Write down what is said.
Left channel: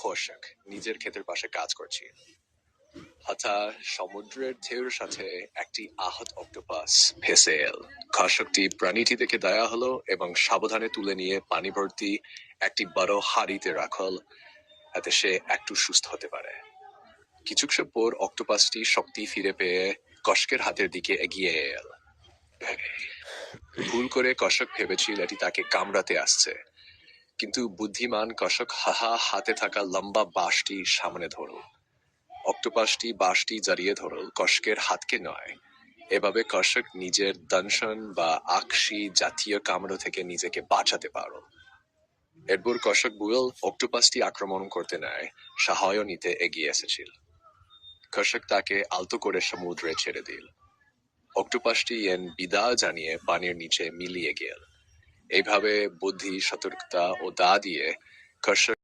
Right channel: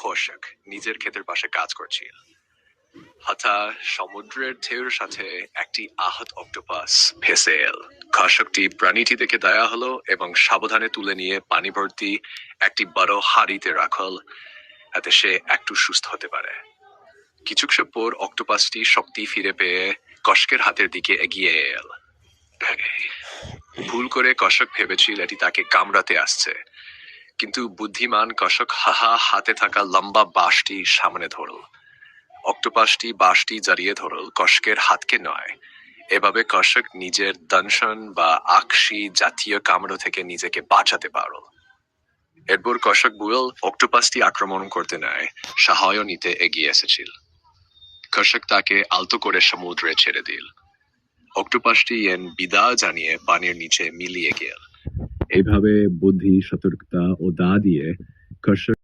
কৌশিক নিজের ক্ষেতের পাশে কাজ করছিল। হঠাৎ সমুদ্রের ঢেউর সাথে একটি আহত অক্টোপাস ভেসে এল। কৌশিকটি প্রাণীটি দেখে দয়া হলো এবং সাবধানে তুলে নিয়ে পানি ভর্তি একটি বড় হাঁড়িতে রাখল, যাতে সে একটু সুস্থ হতে পারে। কিছুক্ষণ পর অক্টোপাসটি শক্তি ফিরে পেয়ে কৌশিকের হাতের দিকে এগিয়ে এল। ভুল করে কৌশিক ভেবেছিল এটি তাকে কামড়াতে আসছে, কিন্তু বুদ্ধিমান কৌশিক হাতে থাকা লম্বা বাঁশটি সামনে ধরল। অক্টোপাসটি বাঁশটি জড়িয়ে ধরল, কৌশিকের হাতকে নয়। এভাবে কৌশিক নিজের দংশন বা আকশি জাতীয় কামড় থেকে নিজেকে বাঁচাতে পারল। এরপর কৌশিক বুঝল অক্টোপাসটি আক্রমণ করতে নয়, সাহায্য নিতে এগিয়ে এসেছিল। কৌশিক তাকে আলতো করে সমুদ্রে ছেড়ে দিল। অক্টোপাসটি বিদায় জানিয়ে পানির নিচে মিলিয়ে গেল। এইভাবে বুদ্ধি, সতর্কতা ও দা দিয়ে কৌশিক